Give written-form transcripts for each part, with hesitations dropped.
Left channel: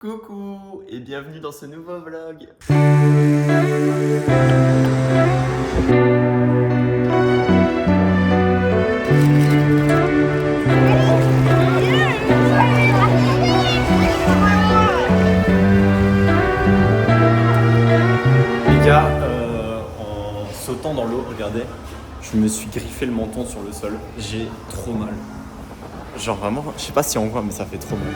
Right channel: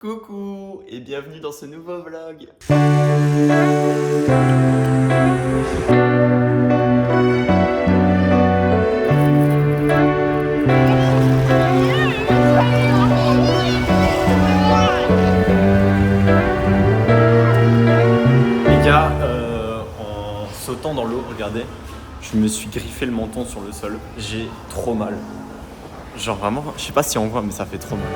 Coucou et bienvenue dans ce nouveau vlog. Les gars, en sautant dans l'eau, regardez, je me suis griffé le menton sur le sol. J'ai trop mal. Genre vraiment, je sais pas si on voit, mais ça fait trop mal.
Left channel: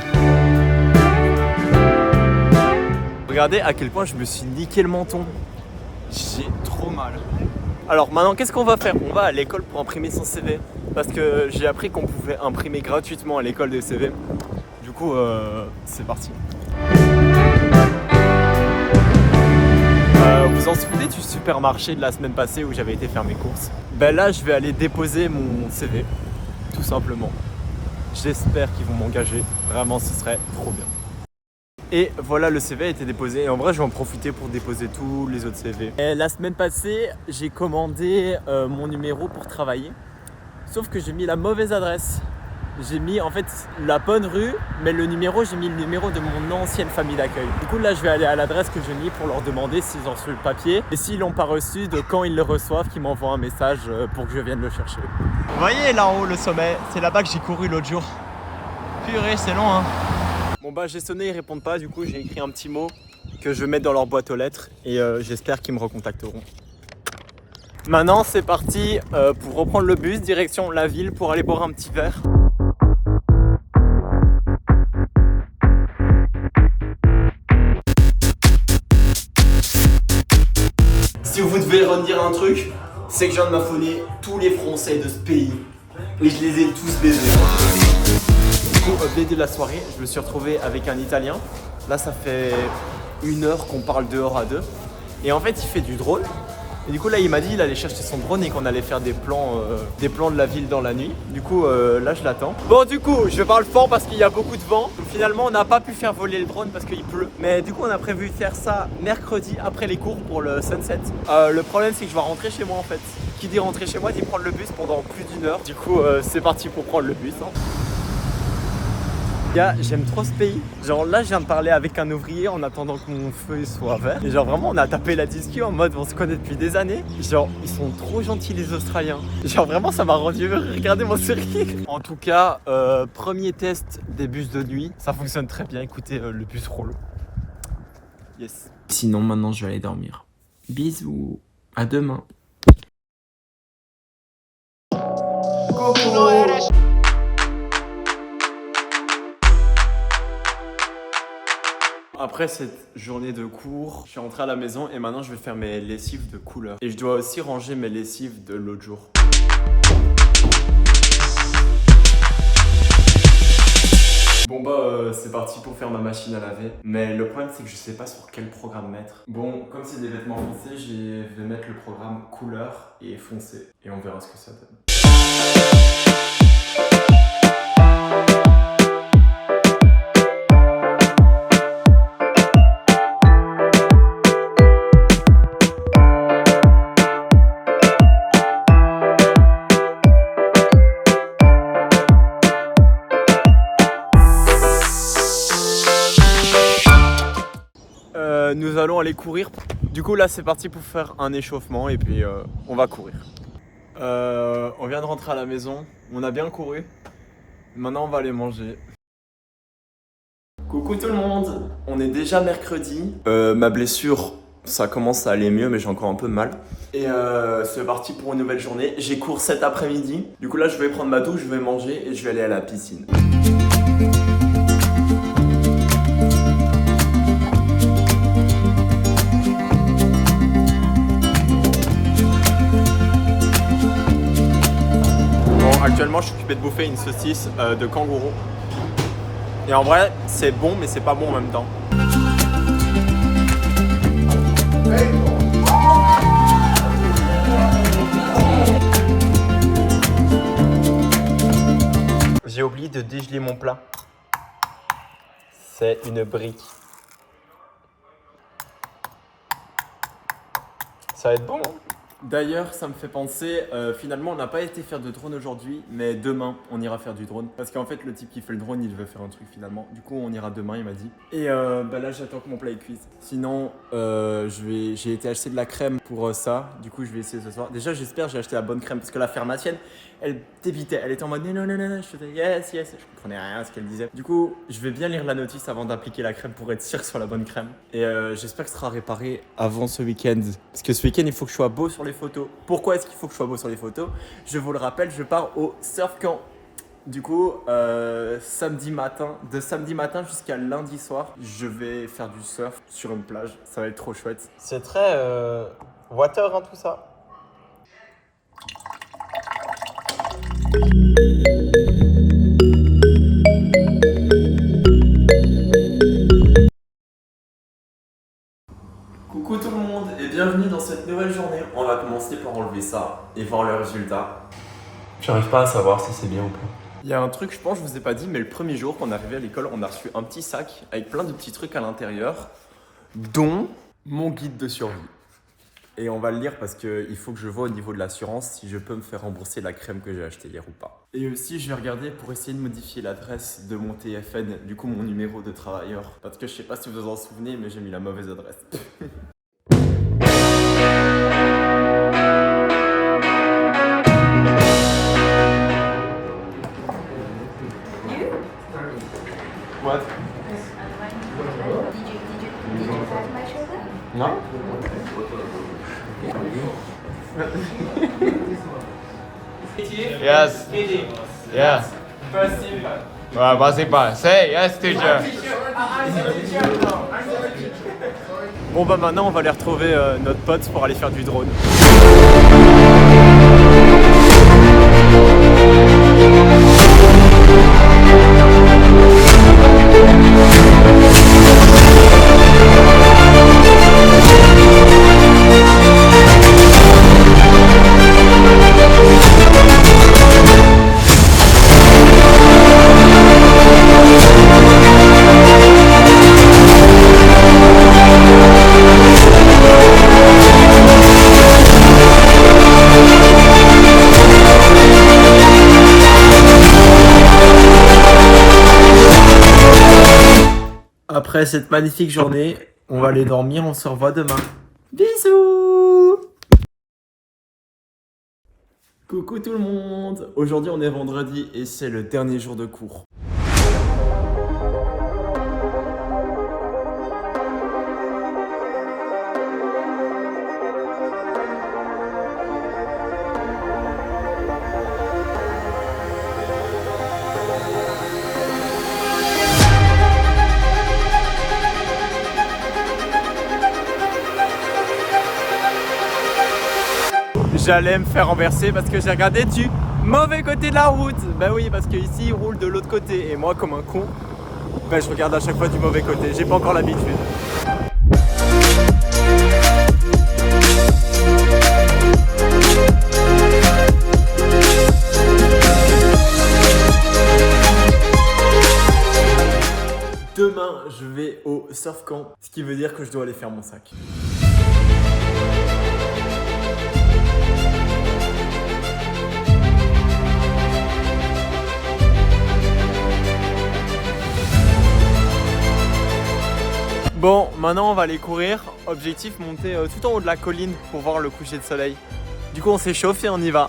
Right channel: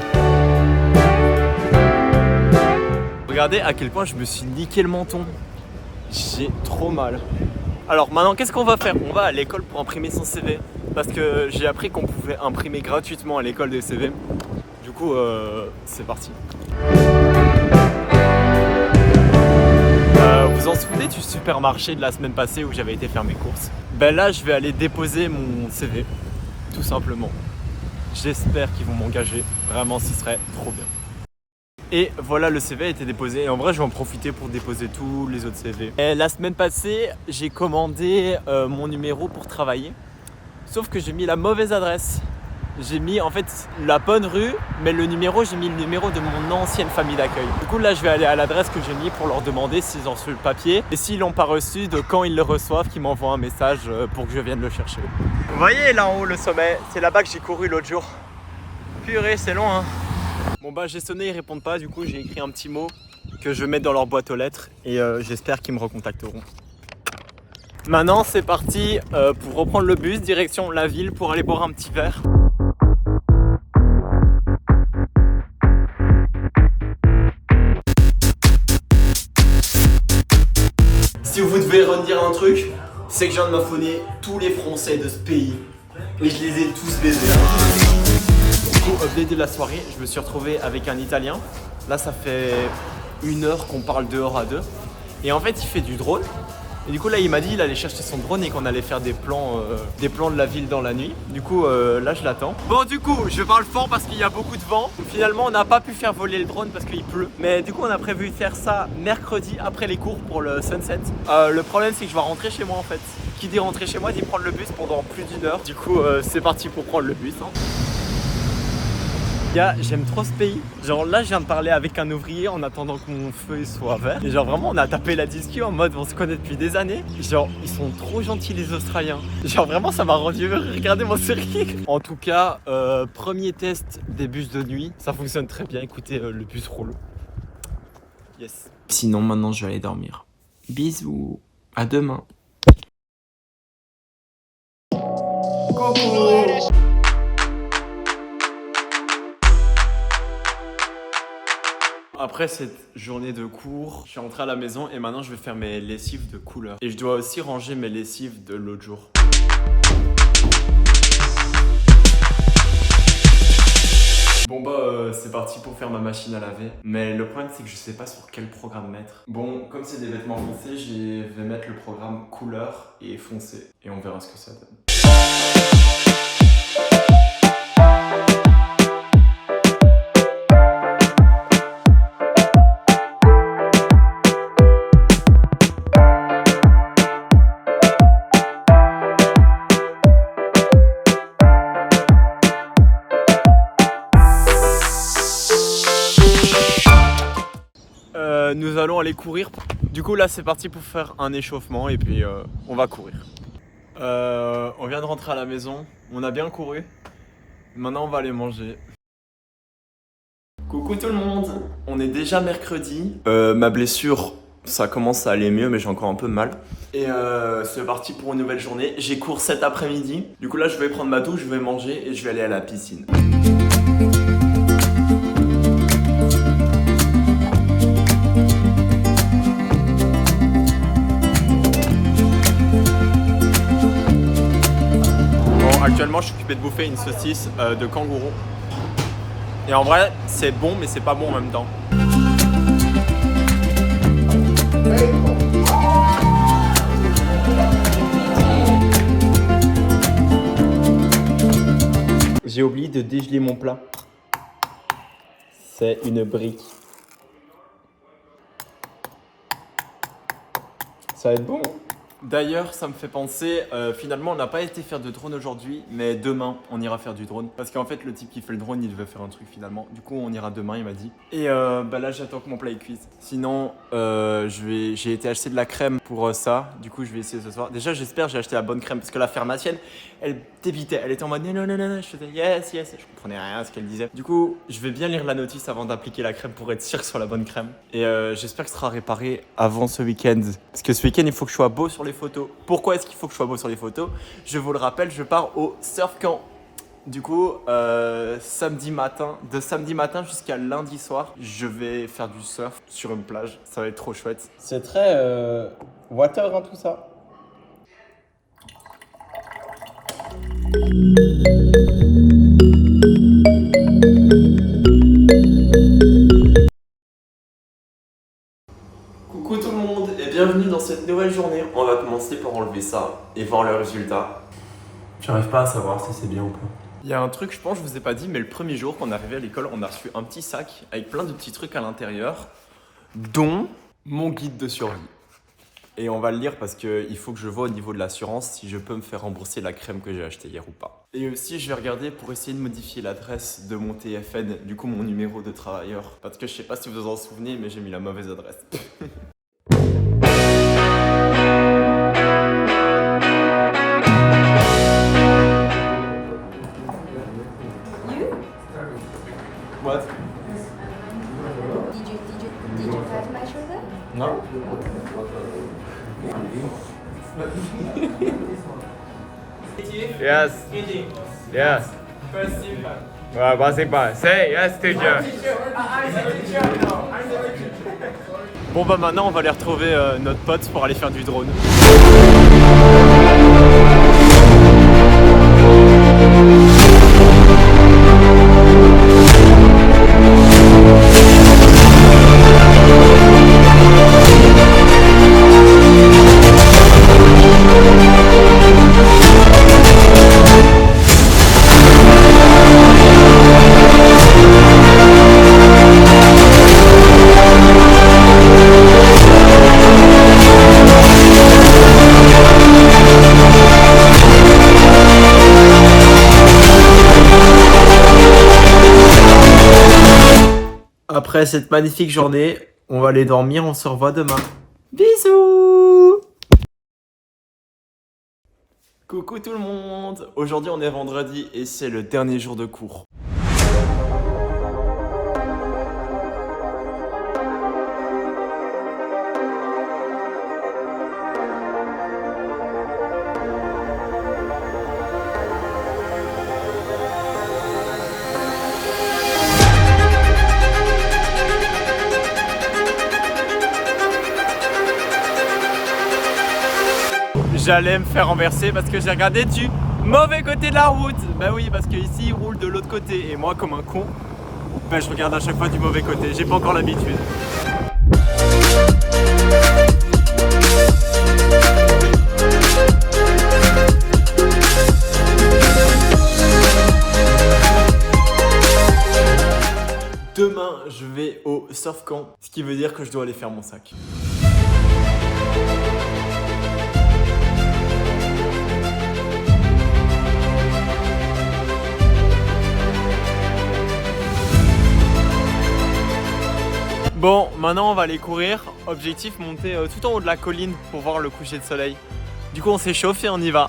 Regardez à quel point je me suis niqué le menton. J'ai trop mal. Alors maintenant, qu'est-ce qu'on va faire? On va à l'école pour imprimer son CV. Parce que j'ai appris qu'on pouvait imprimer gratuitement à l'école des CV. Du coup, c'est parti. Vous en souvenez du supermarché de la semaine passée où j'avais été faire mes courses? Ben là, je vais aller déposer mon CV, tout simplement. J'espère qu'ils vont m'engager. Vraiment, ce serait trop bien. Et voilà, le CV a été déposé. Et en vrai, je vais en profiter pour déposer tous les autres CV. Et la semaine passée, j'ai commandé mon numéro pour travailler. Sauf que j'ai mis la mauvaise adresse. J'ai mis en fait la bonne rue, mais le numéro, j'ai mis le numéro de mon ancienne famille d'accueil. Du coup, là, je vais aller à l'adresse que j'ai mis pour leur demander s'ils ont reçu le papier. Et s'ils l'ont pas reçu, de quand ils le reçoivent, qu'ils m'envoient un message pour que je vienne le chercher. Vous voyez là-haut le sommet, c'est là-bas que j'ai couru l'autre jour. Purée, c'est long, hein. Bon bah j'ai sonné, ils répondent pas, du coup j'ai écrit un petit mot que je vais mettre dans leur boîte aux lettres et j'espère qu'ils me recontacteront. Maintenant c'est parti pour reprendre le bus, direction la ville pour aller boire un petit verre. Si vous devez redire un truc, c'est que je viens de m'affonner tous les Français de ce pays et je les ai tous baisés. Du coup, update de la soirée, je me suis retrouvé avec un Italien. Là, ça fait 1 heure qu'on parle dehors à deux. Et en fait, il fait du drone. Et du coup, là, il m'a dit qu'il allait chercher son drone et qu'on allait faire des plans de la ville dans la nuit. Du coup, là, je l'attends. Bon, du coup, je parle fort parce qu'il y a beaucoup de vent. Donc, finalement, on n'a pas pu faire voler le drone parce qu'il pleut. Mais du coup, on a prévu de faire ça mercredi après les cours pour le sunset. Le problème, c'est que je vais rentrer chez moi en fait. Qui dit rentrer chez moi dit prendre le bus pendant plus d'1 heure. Du coup, c'est parti pour prendre le bus. Hein. J'aime trop ce pays. Genre là, je viens de parler avec un ouvrier en attendant que mon feu soit vert. Et genre vraiment, on a tapé la discu en mode on se connaît depuis des années. Genre, ils sont trop gentils les Australiens. Genre vraiment, ça m'a rendu heureux. Regardez mon sourire. En tout cas, premier test des bus de nuit. Ça fonctionne très bien. Écoutez, le bus roule. Yes. Sinon, maintenant, je vais aller dormir. Bisous. À demain. Coucou. Après cette journée de cours, je suis rentré à la maison et maintenant je vais faire mes lessives de couleur. Et je dois aussi ranger mes lessives de l'autre jour. Bon bah c'est parti pour faire ma machine à laver. Mais le problème c'est que je sais pas sur quel programme mettre. Bon, comme c'est des vêtements foncés, je vais mettre le programme couleur et foncé. Et on verra ce que ça donne. Nous allons aller courir. Du coup là c'est parti pour faire un échauffement et puis on va courir. On vient de rentrer à la maison, on a bien couru. Maintenant on va aller manger. Coucou tout le monde, on est déjà mercredi. Ma blessure, ça commence à aller mieux mais j'ai encore un peu mal. Et c'est parti pour une nouvelle journée. J'ai cours cet après-midi. Du coup là je vais prendre ma douche, je vais manger et je vais aller à la piscine. Actuellement, je suis occupé de bouffer une saucisse de kangourou. Et en vrai, c'est bon, mais c'est pas bon en même temps. J'ai oublié de dégeler mon plat. C'est une brique. Ça va être bon, hein? D'ailleurs, ça me fait penser, finalement, on n'a pas été faire de drone aujourd'hui, mais demain, on ira faire du drone. Parce qu'en fait, le type qui fait le drone, il devait faire un truc finalement. Du coup, on ira demain, il m'a dit. Et bah là, j'attends que mon plat est cuise. Sinon, j'ai été acheter de la crème pour ça. Du coup, je vais essayer ce soir. Déjà, j'espère que j'ai acheté la bonne crème parce que la pharmacienne, elle débitait. Elle était en mode non, non, non, non, non. Je faisais yes, yes. Je comprenais rien à ce qu'elle disait. Du coup, je vais bien lire la notice avant d'appliquer la crème pour être sûr que ce soit la bonne crème. Et j'espère que ce sera réparé avant ce week-end. Parce que ce week-end, il faut que je sois beau sur les photos. Pourquoi est-ce qu'il faut que je sois beau sur les photos? Je vous le rappelle, je pars au surf camp. Du coup, samedi matin, de samedi matin jusqu'à lundi soir, je vais faire du surf sur une plage. Ça va être trop chouette. C'est très water, hein, tout ça. Coucou tout le monde et bienvenue dans cette nouvelle journée. On va commencer par enlever ça et voir le résultat. J'arrive pas à savoir si c'est bien ou pas. Il y a un truc, je pense, je vous ai pas dit, mais le premier jour qu'on est arrivé à l'école, on a reçu un petit sac avec plein de petits trucs à l'intérieur, dont mon guide de survie. Et on va le lire parce qu'il faut que je vois au niveau de l'assurance si je peux me faire rembourser la crème que j'ai achetée hier ou pas. Et aussi, je vais regarder pour essayer de modifier l'adresse de mon TFN, du coup mon numéro de travailleur. Parce que je sais pas si vous vous en souvenez, mais j'ai mis la mauvaise adresse. What? Did you touch my shoulder? Non? Yes. Yes. First team. Basketball. Say yes, teacher. Bon bah maintenant on va aller retrouver notre pote pour aller faire du drone. Après cette magnifique journée, on va aller dormir, on se revoit demain. Bisous! Coucou tout le monde! Aujourd'hui on est vendredi et c'est le dernier jour de cours. J'allais me faire renverser parce que j'ai regardé du mauvais côté de la route. Bah oui, parce que ici il roule de l'autre côté et moi comme un con, bah, je regarde à chaque fois du mauvais côté. J'ai pas encore l'habitude. Demain, je vais au surf camp, ce qui veut dire que je dois aller faire mon sac. Bon, maintenant on va aller courir. Objectif, monter tout en haut de la colline pour voir le coucher de soleil. Du coup, on s'échauffe et on y va.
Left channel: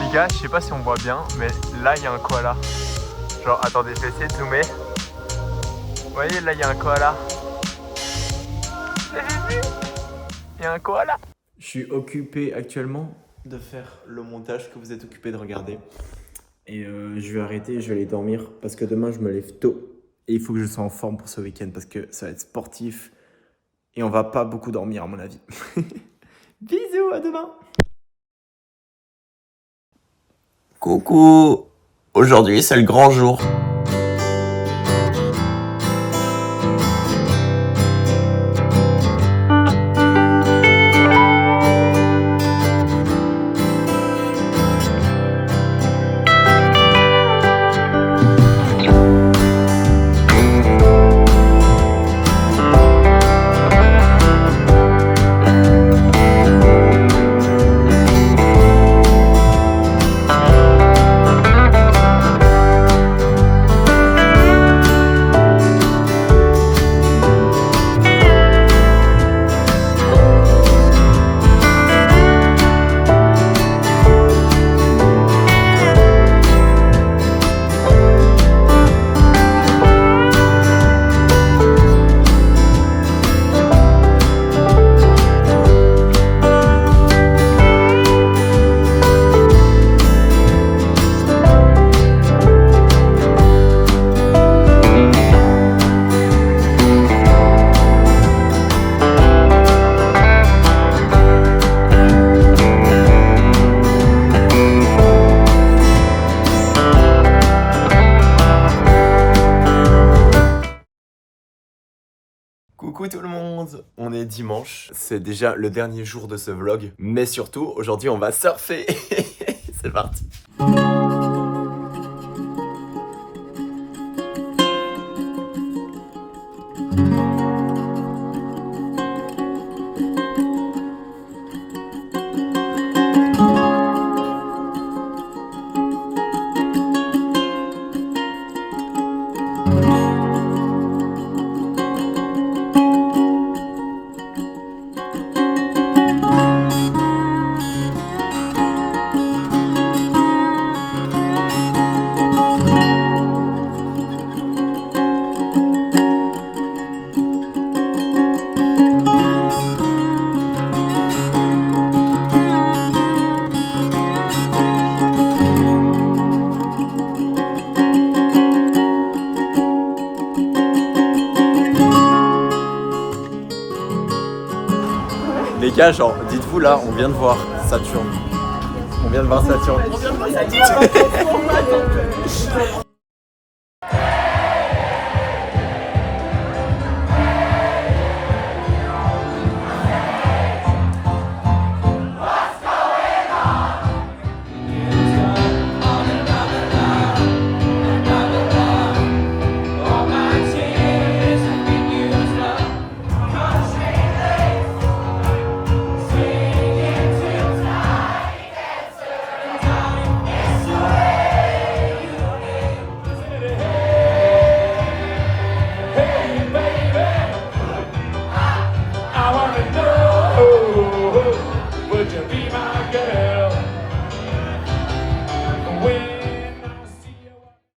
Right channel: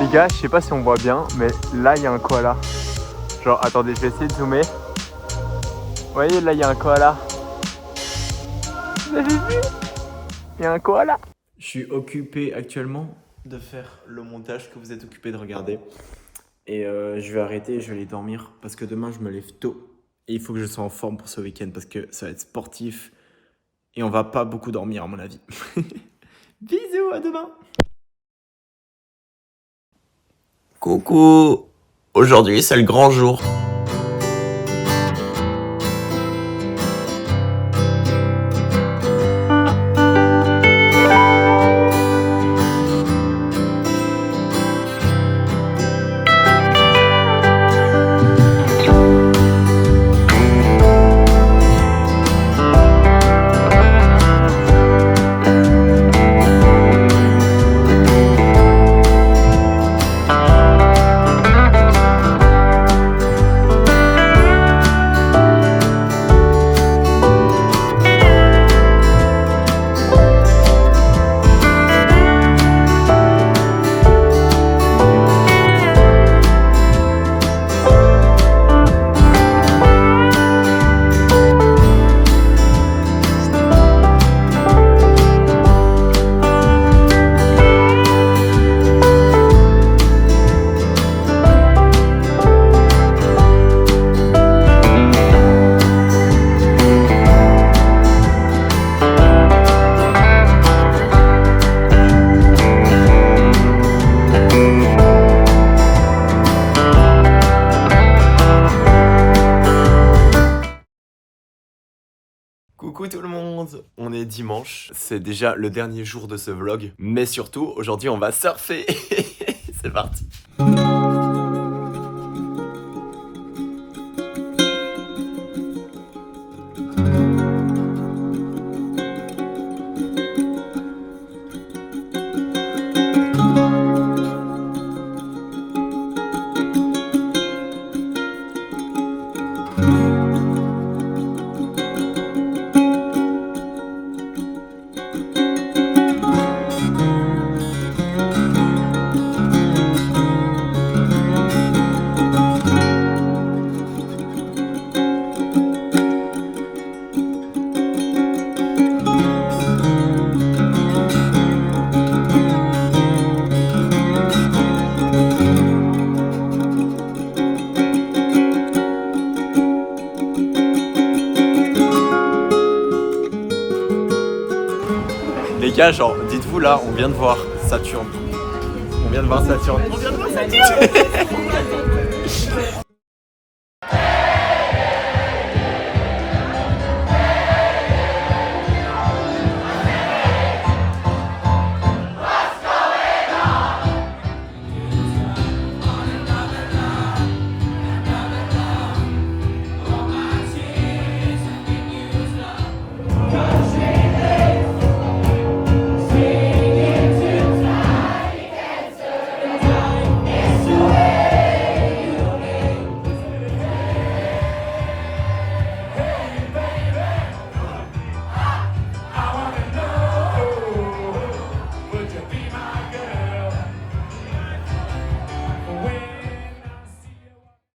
Les gars, je sais pas si on voit bien, mais là il y a un koala. Genre, attendez, je vais essayer de zoomer. Vous voyez, là il y a un koala. Vous avez vu? Il y a un koala. Je suis occupé actuellement de faire le montage que vous êtes occupé de regarder. Et je vais arrêter, je vais aller dormir parce que demain je me lève tôt. Et il faut que je sois en forme pour ce week-end parce que ça va être sportif. Et on va pas beaucoup dormir à mon avis. Bisous, à demain. Coucou, aujourd'hui c'est le grand jour. Coucou tout le monde, on est dimanche, c'est déjà le dernier jour de ce vlog, mais surtout aujourd'hui on va surfer. C'est parti. Les gars, genre, dites-vous là, on vient de voir Saturne. On vient de voir Saturne.